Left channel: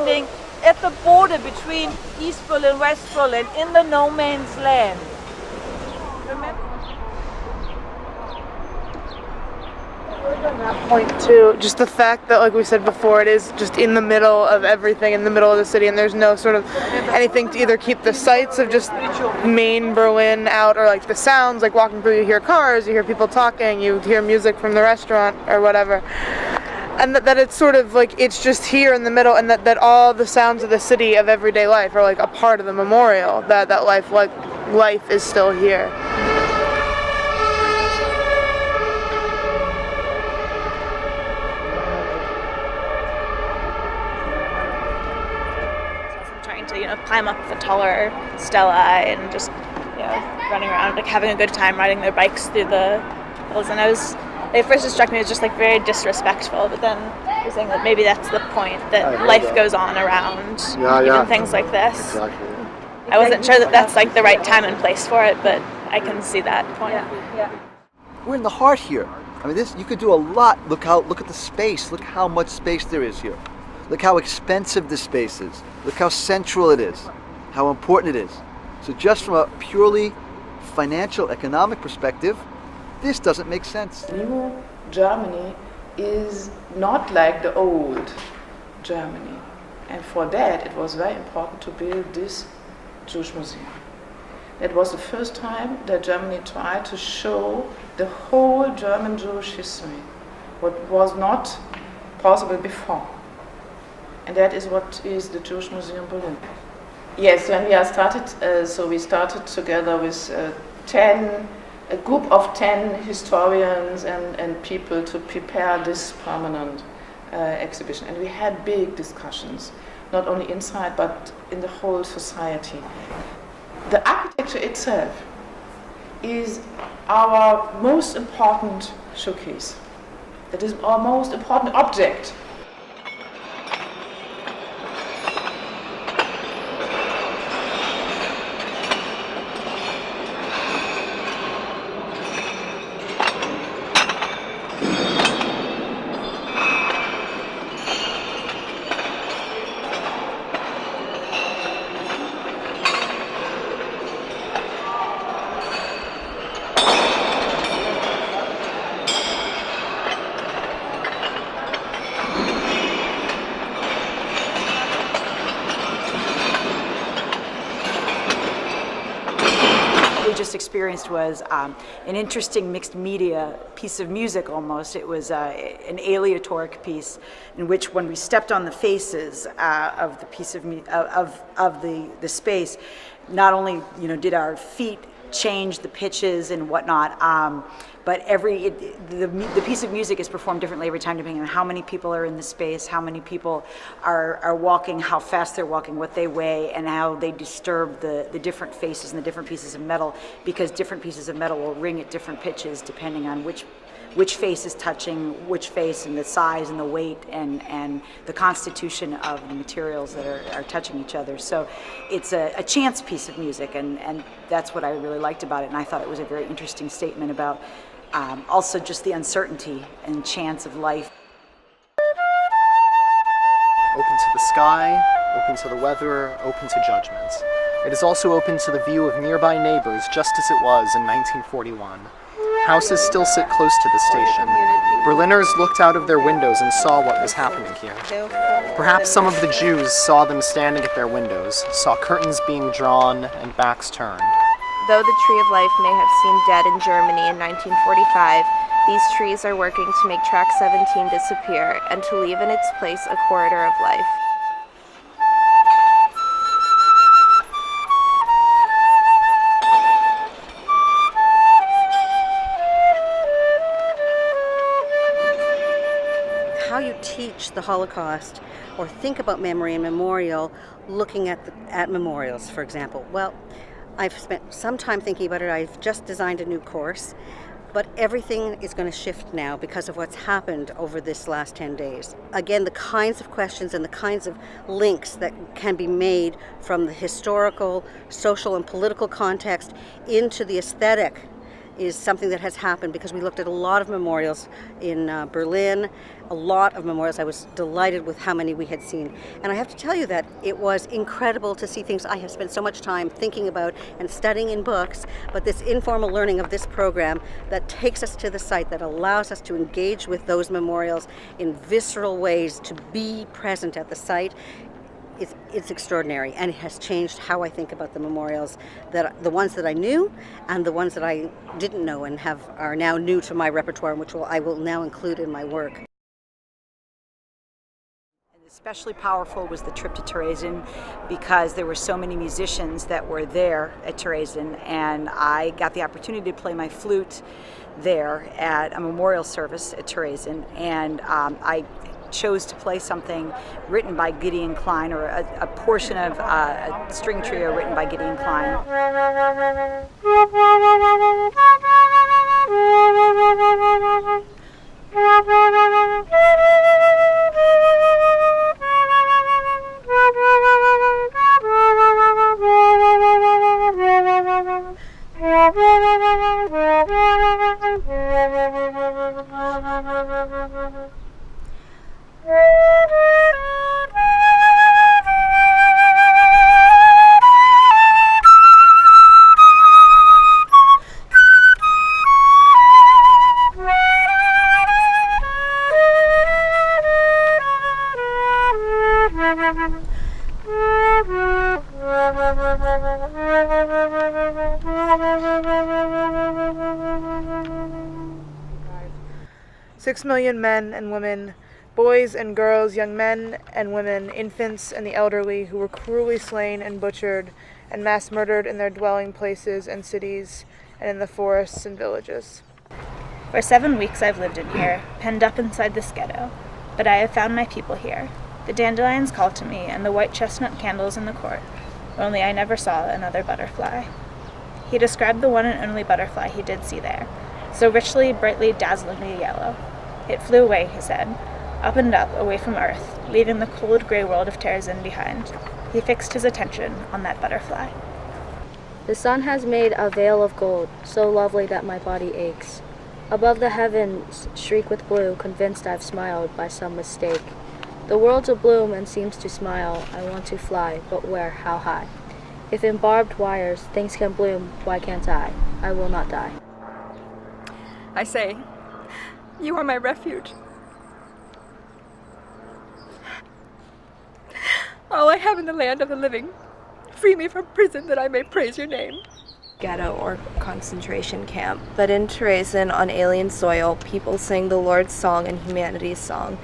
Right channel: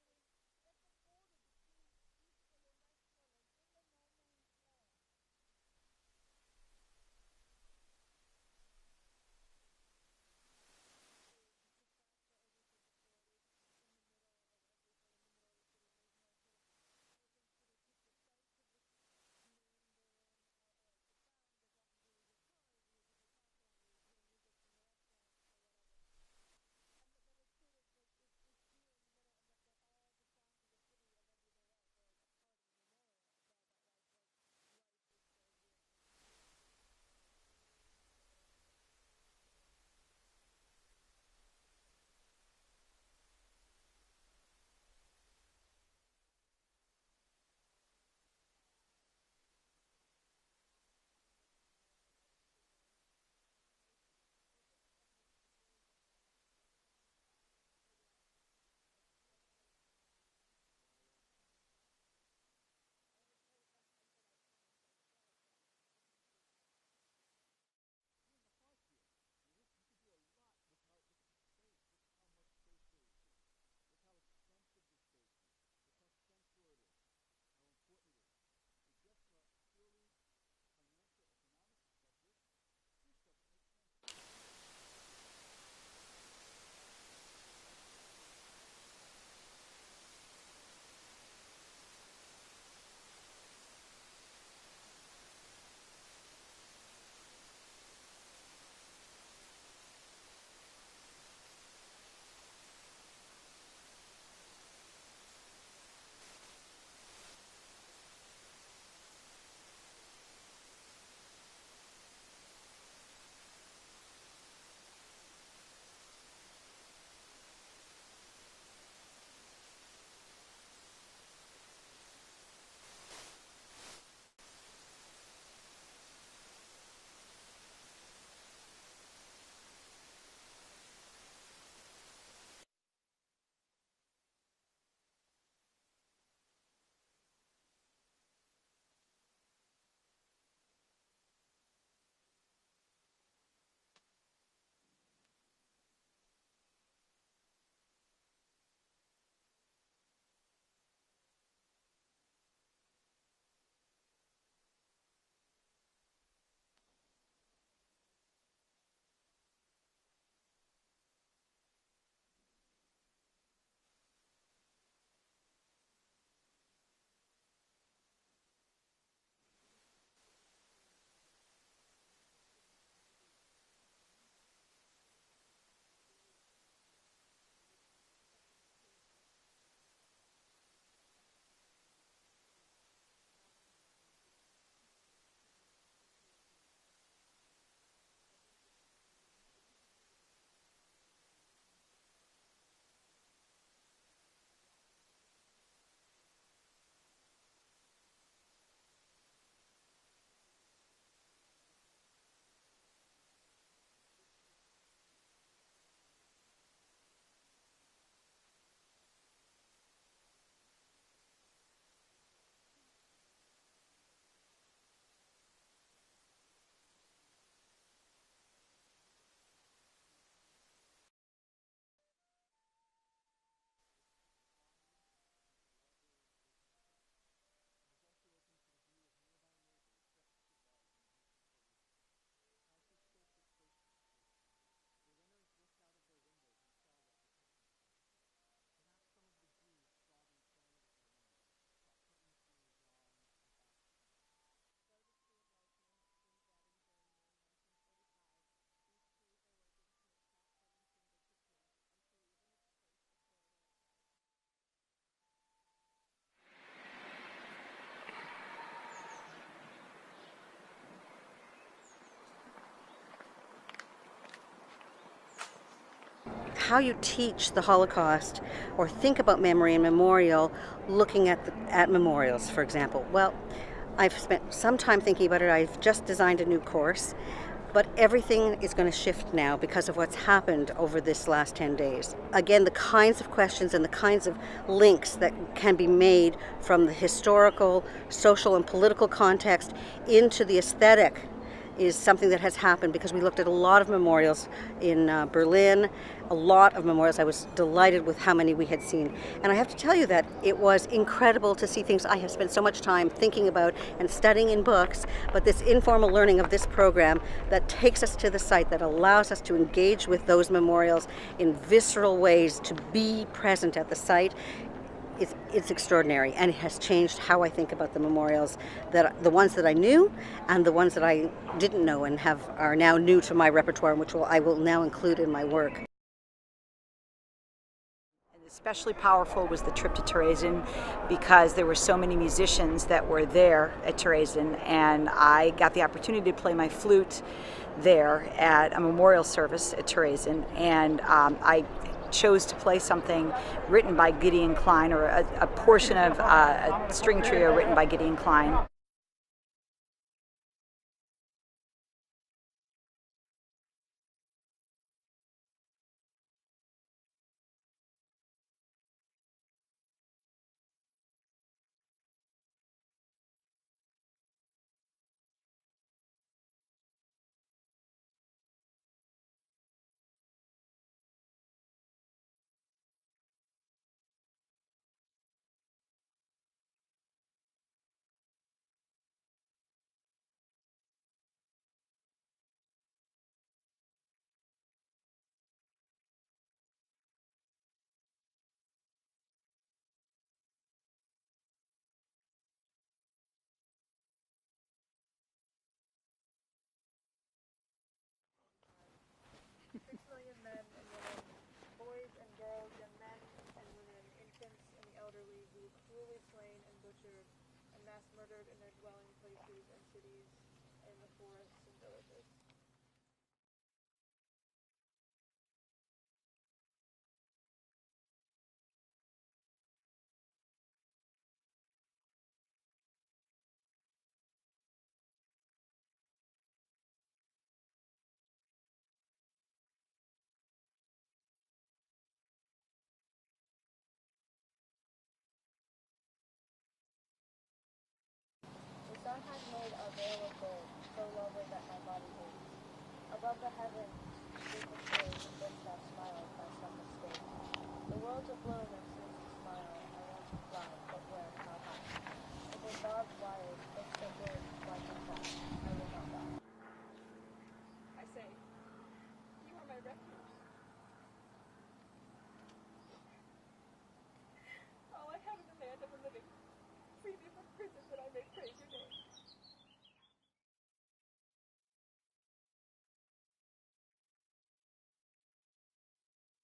standing at the border between East Berlin, West Berlin, in the no man's land. Remember? On that point too, just the fact that, like we said before, it is just in the middle of everything, in the middle of the city, and there's no sort of anything to either keep the sights of just main Berlin out, or like the sounds, like walking through, you hear cars, you hear people talking, you hear music from the restaurant or whatever. And that it's sort of like it's just here in the middle, and that all the sounds of the city of everyday life are like a part of the memorial, that life is still here. Climb up the taller stela and just, running around, like having a good time riding their bikes through the hills. And at first it struck me as just like very disrespectful, but then I was saying that maybe that's the point, that life goes on around even things like this. Exactly. I wasn't sure that that's like the right time and place for it, but I can see that point. We're in the heart here. I mean, you could do a lot. Look at the space. Look how much space there is here. Look how expensive the space is. Look how central it is, how important it is. So just from a purely financial, economic perspective, this doesn't make sense. New Germany is not like the old Germany. And for that, it was very important to build this Jewish museum. It was the first time that Germany tried to show the whole German Jewish history, what was not possible before. And that is what is the Jewish Museum Berlin. Yes, when we started, we started together with a group of 10 historians and people to prepare this permanent exhibition. And we had big discussions, not only inside, but in the whole society. The architecture itself is our most important showcase. It is our most important object. Just experienced was an interesting mixed media piece of music almost. It was an aleatoric piece in which when we stepped on the faces of the piece of the space, not only did our feet change the pitches and whatnot, but the piece of music is performed differently every time depending on how many people are in the space, how many people are walking, how fast they're walking, what they weigh, and how they disturb the different faces and the different pieces of metal, because different pieces of metal will ring at different pitches depending on which face is touching which face, and the size and the weight and the constitution of the materials that are touching each other. So it's a chance piece of music, and that's what I really liked about it, and I thought it was a very interesting statement about also just the uncertainty and chance of life. Open to the sky, open to the weather, open to judgments. It is also open to the view of nearby neighbors, just as it was in 1941. Houses still sit close to the station. Berliners looked out of their windows and saw what was happening here. Perhaps some of the Jews saw them standing at their windows, saw curtains being drawn and backs turned. Though the tree of life may have seemed dead in Germany in 1945, these trees are working to make track 17 disappear and to leave in its place a corridor of life. How you teach the Holocaust or think about memory and memorial looking at memorials, for example. Well, I've spent some time thinking about it. I've just designed a new course, but everything is going to shift now because of what's happened over this last 10 days. Again, the kinds of questions and the kinds of links that can be made from the historical, social, and political context into the aesthetic is something that has happened because we looked at a lot of memorials in Berlin, a lot of memorials. I was delighted with how many we had seen. And I have to tell you that it was incredible to see things I have spent so much time thinking about and studying in books, but this informal learning of this program that takes us to the site, that allows us to engage with those memorials in visceral ways, to be present at the site, it's extraordinary, and it has changed how I think about the memorials, that the ones that I knew and the ones that I didn't know and are now new to my repertoire, which I will now include in my work. And especially powerful was the trip to Terezin because there were so many musicians that were there at Terezin, and I got the opportunity to play my flute there at a memorial service at Terezin, and I chose to play something written by Gideon Klein, or a portion of a string trio written by Gideon Klein. 6 million men and women, boys and girls, young men and women, infants and the elderly, who were cruelly slain and butchered and mass murdered in their dwelling places and cities and in the forests and villages. For 7 weeks I've lived in here, penned up inside this ghetto, but I have found my people here. The dandelions call to me, and the white chestnut candles in the court, only I never saw another butterfly. He described the one and only butterfly he did see there, so richly, brightly, dazzlingly yellow. It flew away, he said, up and up, away from earth, leaving the cold gray world of Terezin behind. He fixed his attention on that butterfly. The sun has made a veil of gold, so lovely that my body aches. Above the heavens shriek with blue, convinced I've smiled by some mistake. The world's abloom and seems to smile. I want to fly, but where, how high? If in barbed wires things can bloom, why can't I? I will not die. I say, you are my refuge. All I have in the land of the living. Free me from prison that I may praise your name. Ghetto or concentration camp, but in Terezin, on alien soil, people sing the Lord's song and humanity's song.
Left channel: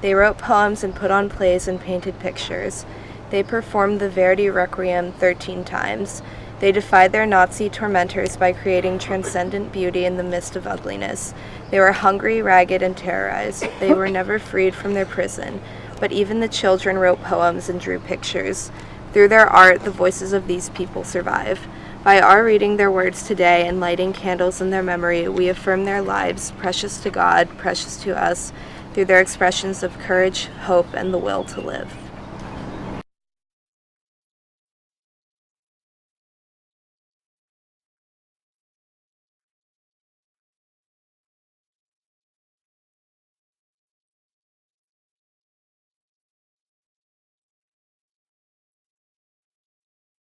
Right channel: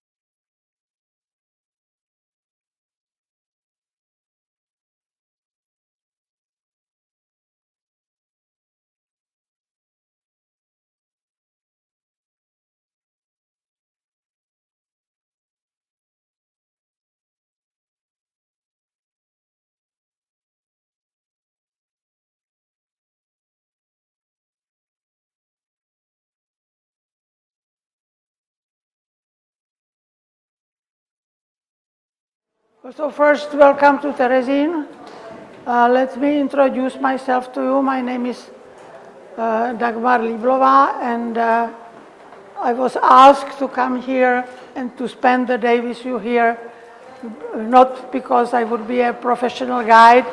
They wrote poems and put on plays and painted pictures. They performed the Verdi Requiem 13 times. They defied their Nazi tormentors by creating transcendent beauty in the midst of ugliness. They were hungry, ragged, and terrorized. They were never freed from their prison, but even the children wrote poems and drew pictures. Through their art, the voices of these people survive. By our reading their words today and lighting candles in their memory, we affirm their lives, precious to God, precious to us, through their expressions of courage, hope, and the will to live. So first, welcome to Terezin. Let me introduce myself to you. My name is Dagmar Liblova, and I was asked to come here and to spend the day with you here, not because I would be a professional guide,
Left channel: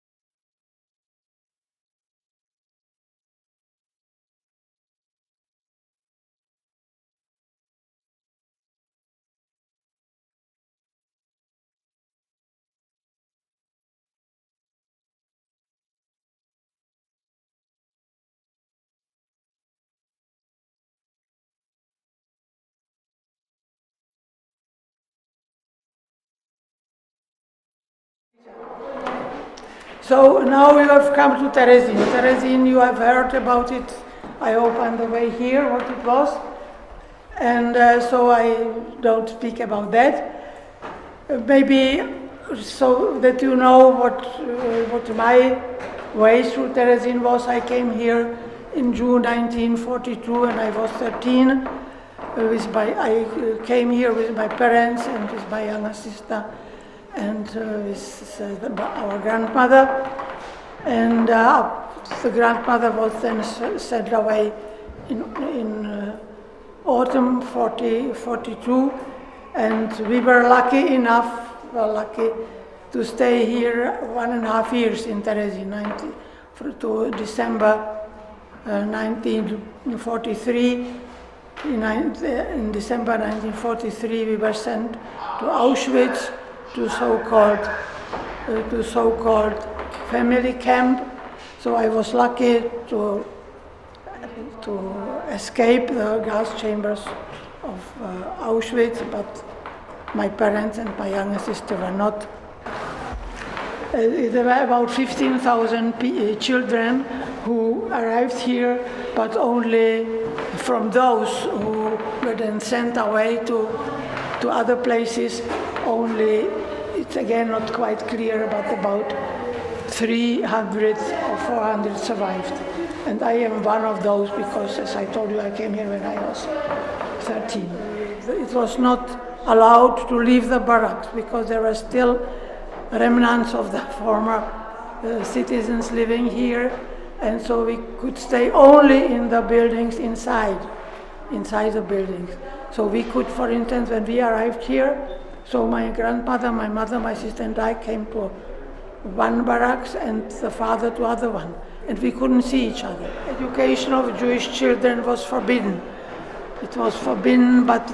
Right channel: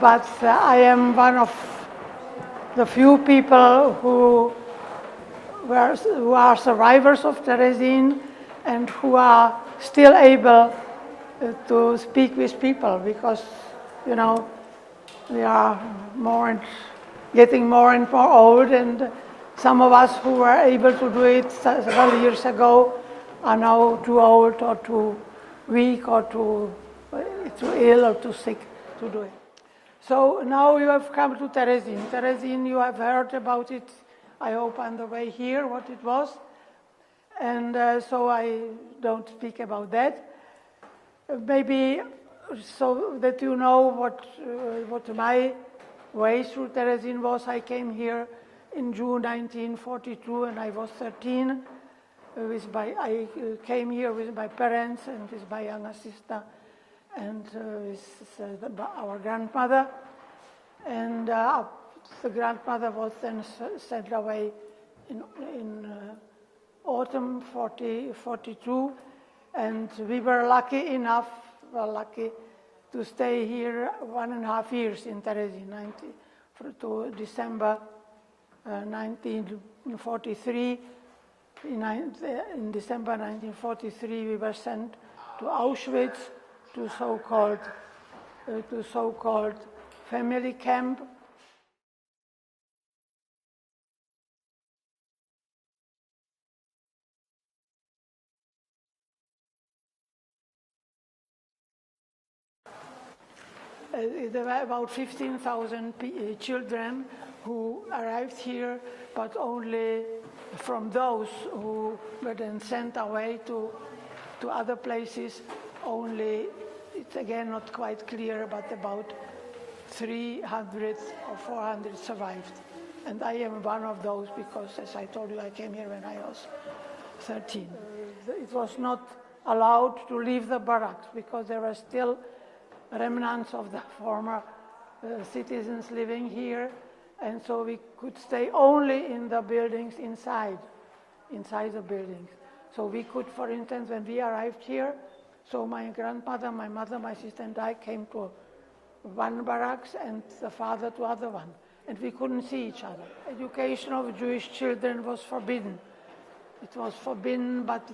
but I am one of the few people who are survivors of Terezin and who are still able to speak with people, because, you know, we are getting more and more old, and some of us who were able to do it several years ago are now too old or too weak or too ill or too sick to do. So now you have come to Terezin. Terezin, you have heard about it, I hope, on the way here, what it was. And so I don't speak about that. Maybe so that you know what my way through Terezin was. I came here in June 1942, and I was 13. I came here with my parents and with my younger sister and with our grandmother. And The grandmother was then sent away in autumn 42, and we were lucky to stay here 1.5 years in Terezin, to December 1943. In December 1943, we were sent to Auschwitz, to so-called family camp. So I was lucky to escape the gas chambers of Auschwitz, but my parents and my younger sister were not. There were about 15,000 children who arrived here, but only from those who were then sent away to other places, only, it's again not quite clear, but about 300 or 400 survived. And I am one of those because, as I told you, I came here when I was 13. It was not allowed to leave the barracks because there were still remnants of the former citizens living here, and so we could stay only in the buildings inside the buildings. So we could, for instance, when we arrived here, so my grandmother, my mother, my sister and I came to one barracks and the father to other one, and we couldn't see each other. Education of Jewish children was forbidden. It was forbidden, but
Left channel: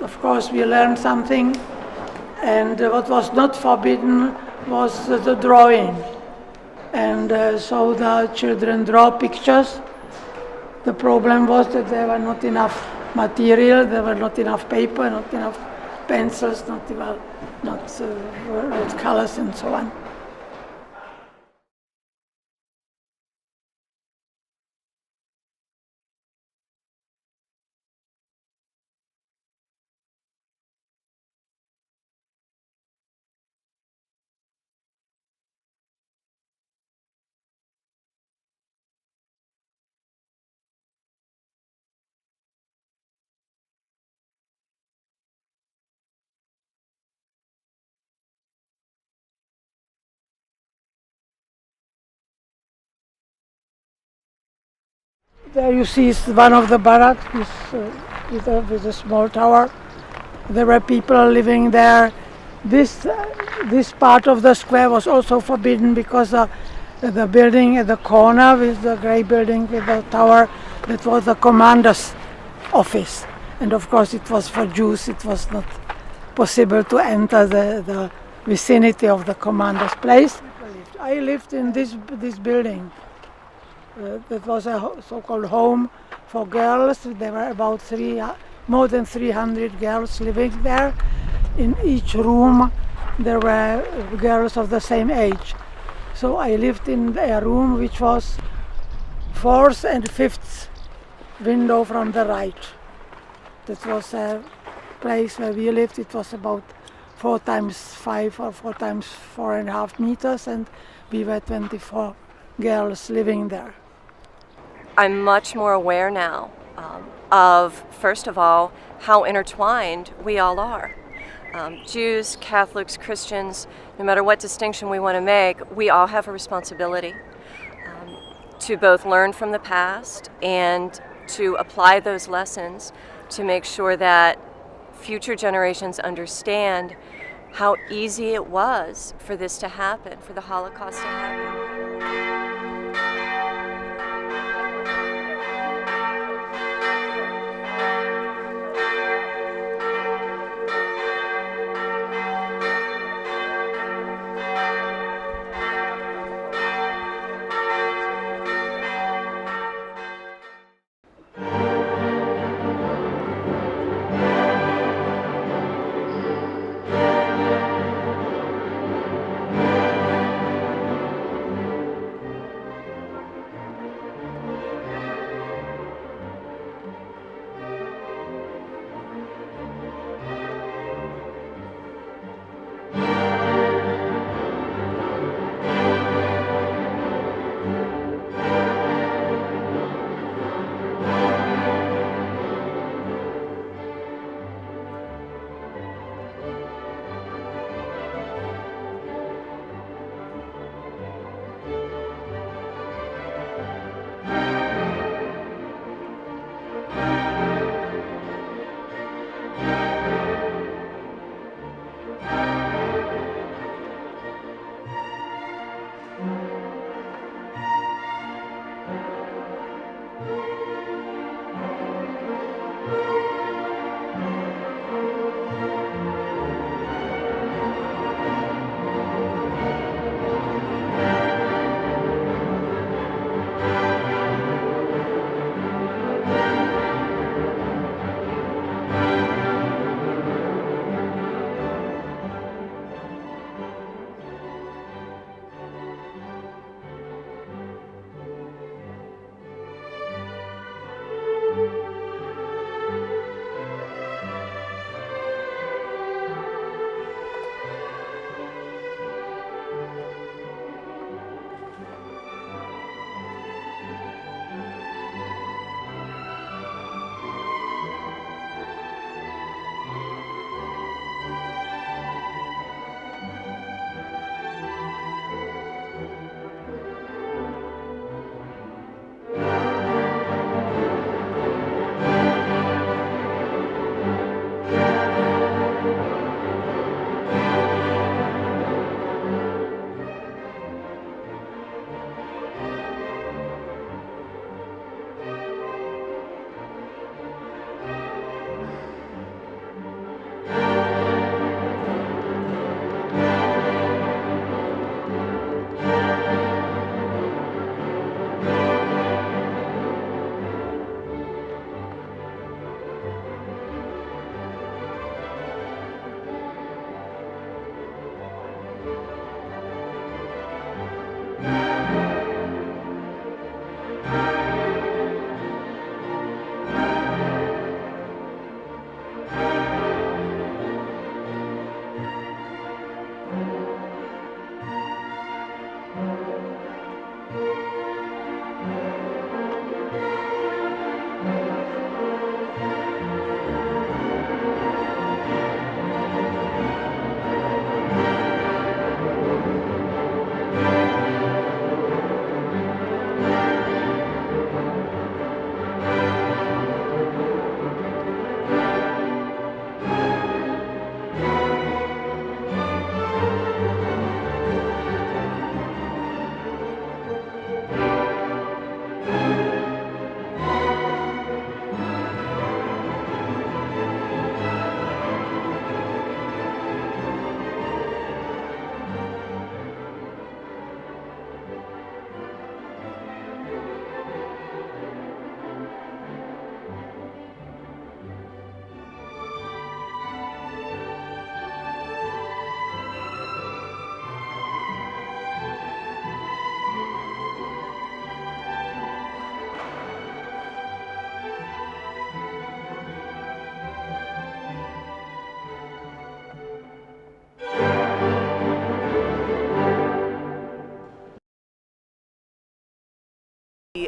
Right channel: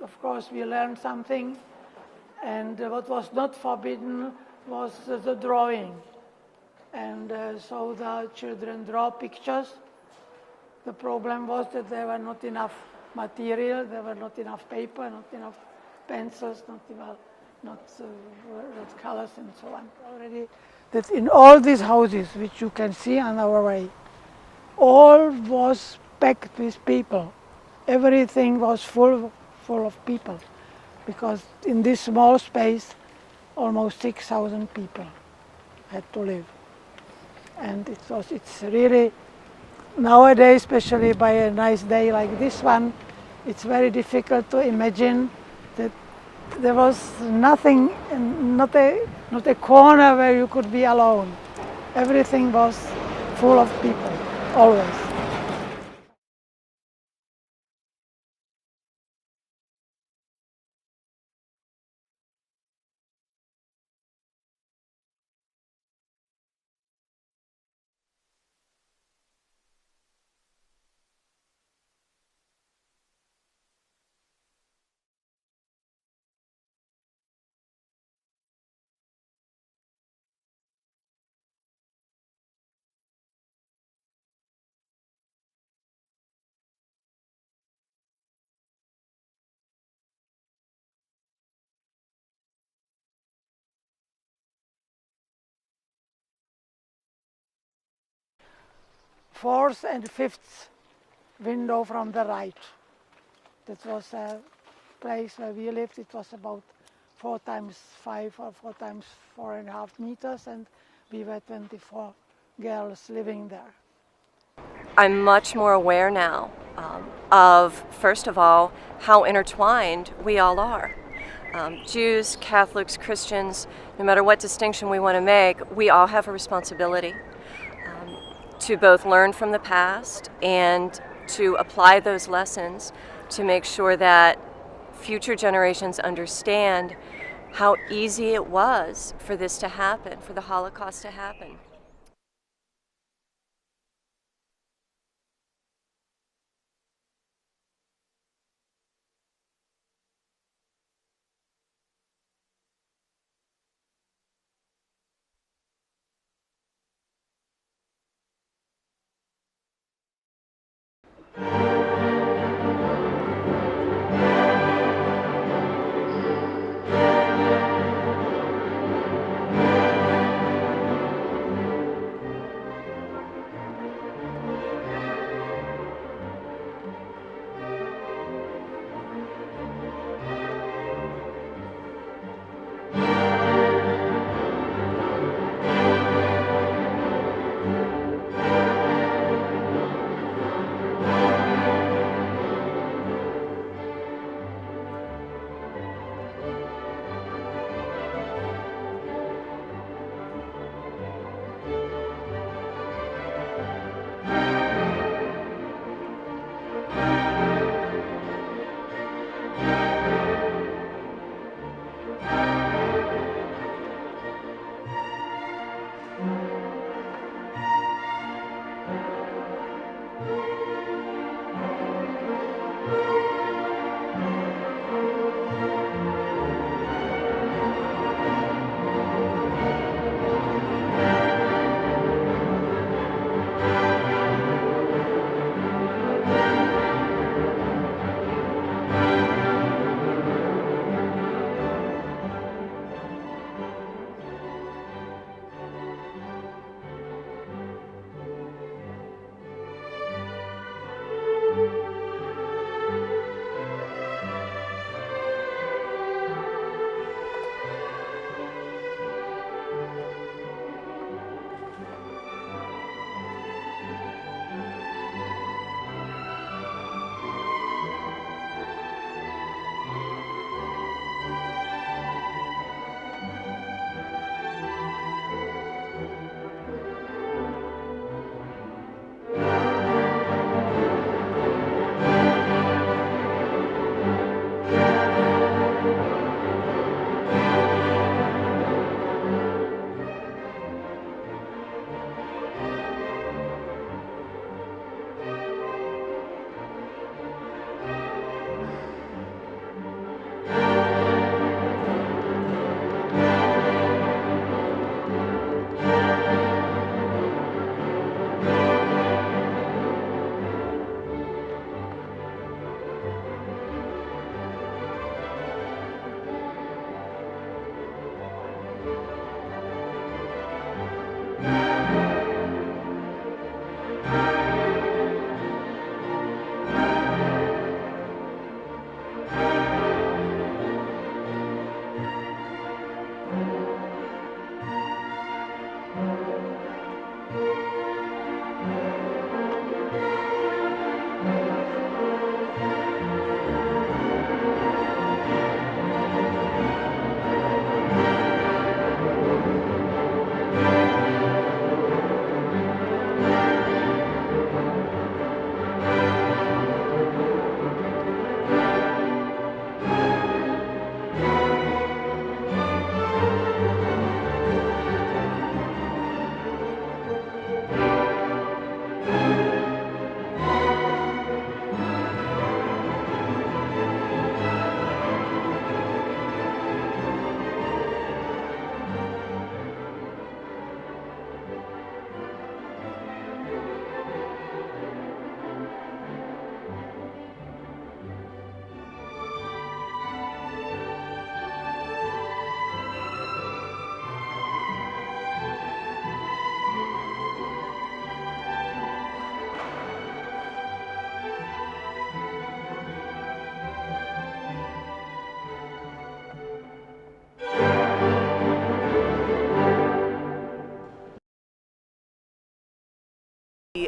of course we learned something. And what was not forbidden was the drawing. And so the children draw pictures. The problem was that there were not enough material, there were not enough paper, not enough pencils, not colors and so on. That in all these houses, which you can see on our way, all was packed with people. Everything was full of people. Because in this small space, almost 6,000 people had to live. And it's really, nowadays, especially by a nice day like this one, it's very difficult to imagine that there was nothing, not a corner where you could be alone. Everything was full of people, always. There you see one of the barracks with a small tower. There were people living there. This part of the square was also forbidden because the building at the corner with the grey building with the tower, that was the commander's office. And of course it was for Jews, it was not possible to enter the vicinity of the commander's place. I lived in this building. That was a so-called home for girls. There were about more than 300 girls living there. In each room there were girls of the same age. So I lived in a room which was 4th and 5th window from the right. That was a place where we lived. It was about 4 times 5 or 4 times 4.5 meters, and we were 24 girls living there. I'm much more aware now of, first of all, how intertwined we all are. Jews, Catholics, Christians, no matter what distinction we want to make, we all have a responsibility to both learn from the past and to apply those lessons to make sure that future generations understand how easy it was for this to happen, for the Holocaust to happen.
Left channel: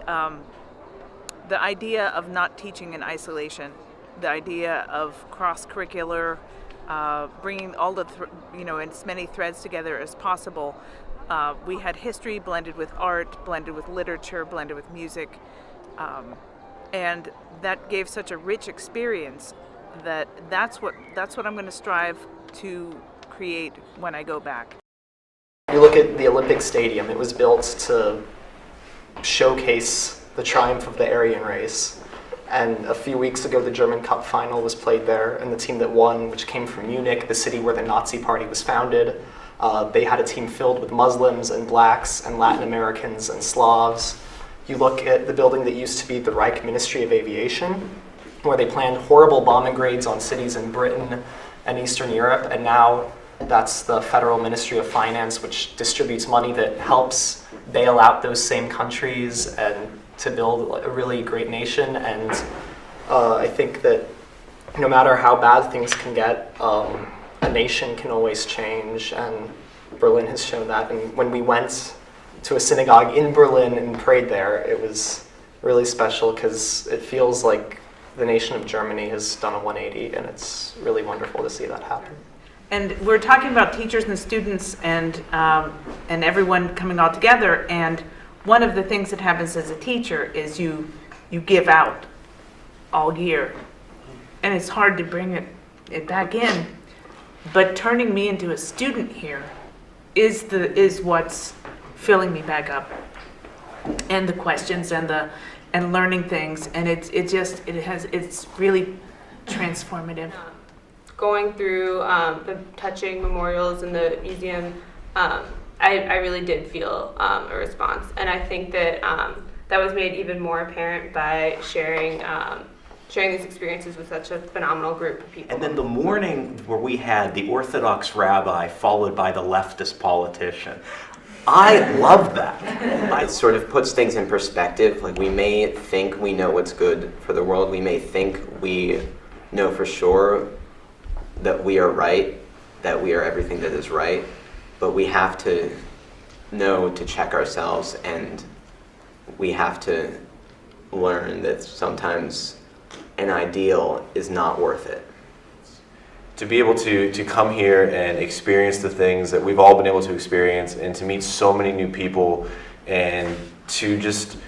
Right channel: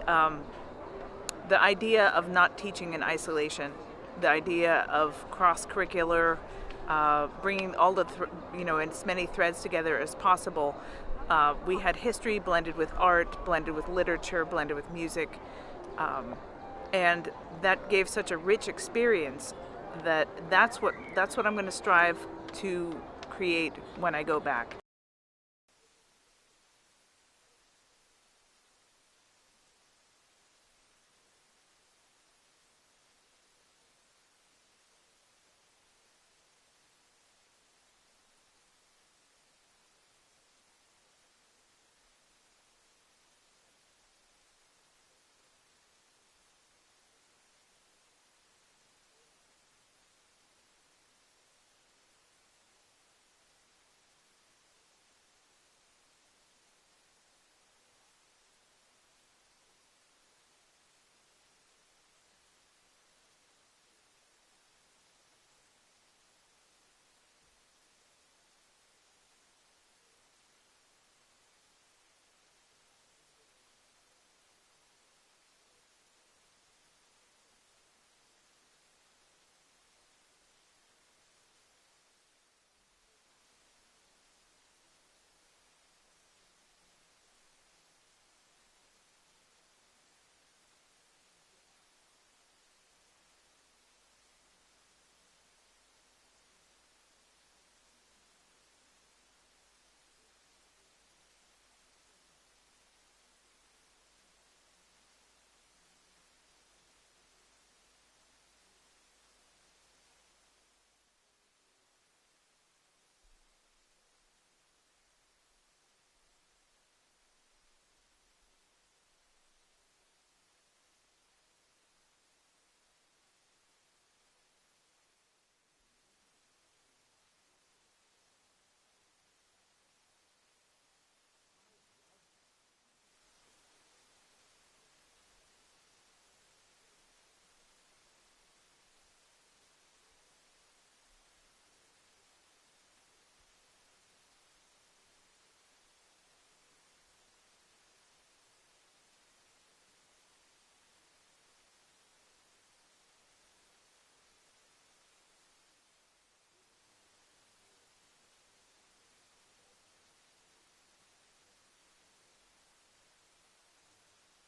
the idea of not teaching in isolation, the idea of cross-curricular, bringing all the as many threads together as possible. We had history blended with art, blended with literature, blended with music, and that gave such a rich experience that's what I'm going to strive to create when I go back. You look at the Olympic Stadium, it was built to showcase the triumph of the Aryan race. And a few weeks ago, the German Cup final was played there, and the team that won, which came from Munich, the city where the Nazi Party was founded, they had a team filled with Muslims and blacks and Latin Americans and Slavs. You look at the building that used to be the Reich Ministry of Aviation, where they planned horrible bombing raids on cities in Britain and Eastern Europe, and now that's the Federal Ministry of Finance, which distributes money that helps bail out those same countries and to build a really great nation. And I think that no matter how bad things can get, a nation can always change, and Berlin has shown that. And when we went to a synagogue in Berlin and prayed there, it was really special because it feels like the nation of Germany has done a 180, and it's really wonderful to see that happen. And we're talking about teachers and students and everyone coming all together. And one of the things that happens as a teacher is you give out all year, and it's hard to bring it back in. But turning me into a student here is what's filling me back up, and the questions and learning things, and it's really transformative. Going through the touching memorials in the museum, I really did feel a response, and I think that that was made even more apparent by sharing these experiences with such a phenomenal group of people. And then the morning where we had the Orthodox rabbi followed by the leftist politician, I love that. It sort of puts things in perspective. Like, we may think we know what's good for the world. We may think we know for sure that we are right, that we are everything that is right. But we have to know to check ourselves, and we have to learn that sometimes an ideal is not worth it. To be able to come here and experience the things that we've all been able to experience, and to meet so many new people, and to just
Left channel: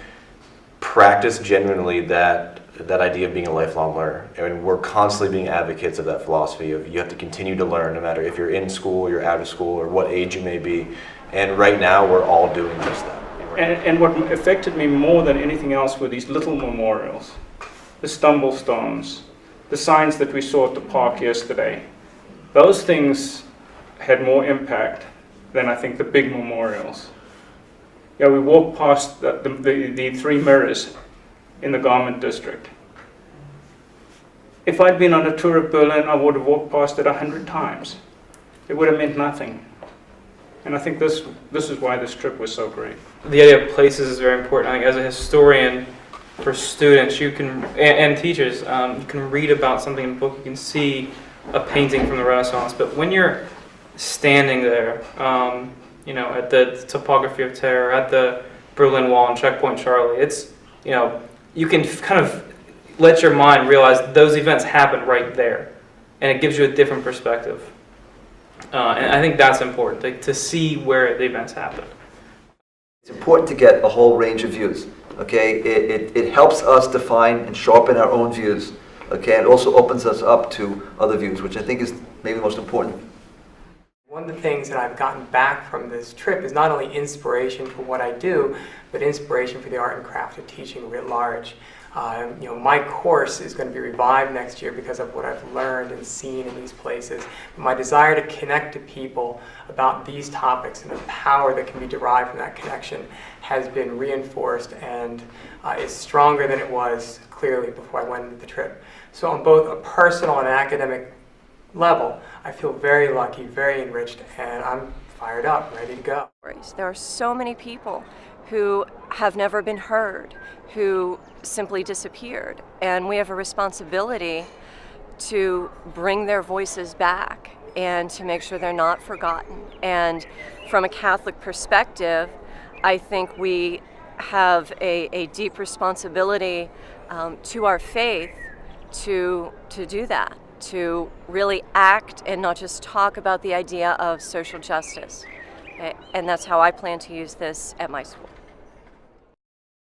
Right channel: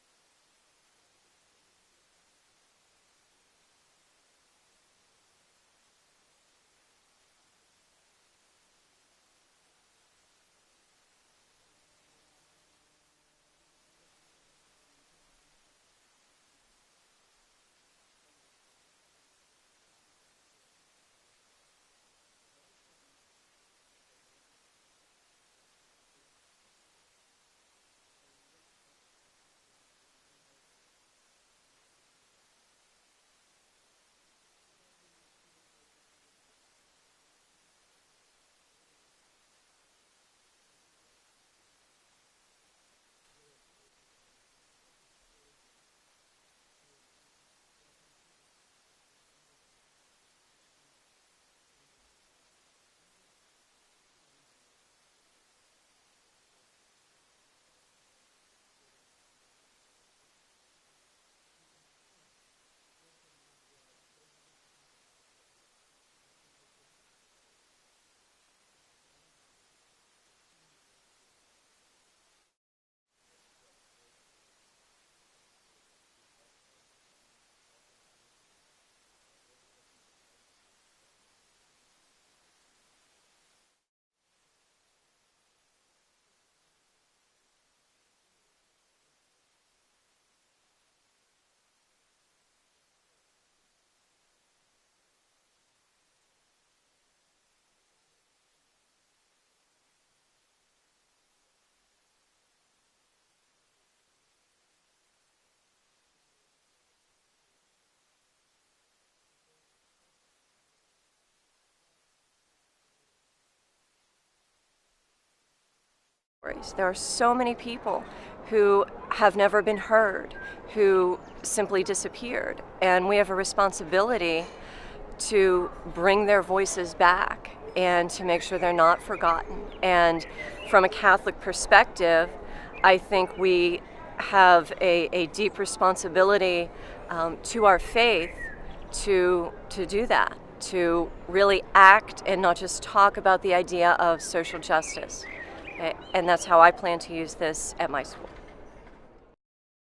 practice genuinely that idea of being a lifelong learner. And we're constantly being advocates of that philosophy of you have to continue to learn no matter if you're in school, you're out of school, or what age you may be. And right now we're all doing just that. And what affected me more than anything else were these little memorials, the stumble stones, the signs that we saw at the park yesterday. Those things had more impact than I think the big memorials. Yeah, we walked past the three mirrors in the garment district. If I'd been on a tour of Berlin, I would have walked past it 100 times. It would have meant nothing. And I think this is why this trip was so great. The idea of places is very important. I think as a historian, for students, you can and teachers, you can read about something in a book, you can see a painting from the Renaissance, but when you're standing there, at the Topography of Terror, at the Berlin Wall and Checkpoint Charlie, it's, you can kind of let your mind realize those events happened right there, and it gives you a different perspective. And I think that's important, to see where the events happened. It's important to get a whole range of views. Okay, it helps us define and sharpen our own views. Okay, and it also opens us up to other views, which I think is maybe the most important. One of the things that I've gotten back from this trip is not only inspiration for what I do, but inspiration for the art and craft of teaching writ large. My course is going to be revived next year because of what I've learned and seen in these places. My desire to connect to people about these topics and the power that can be derived from that connection has been reinforced and is stronger than it was clearly before I went into the trip. So on both a personal and academic level, I feel very lucky, very enriched, and I'm fired up, ready to go. There are so many people who have never been heard, who simply disappeared, and we have a responsibility to bring their voices back and to make sure they're not forgotten. And from a Catholic perspective, I think we have a deep responsibility to our faith to do that, to really act and not just talk about the idea of social justice. And that's how I plan to use this at my school.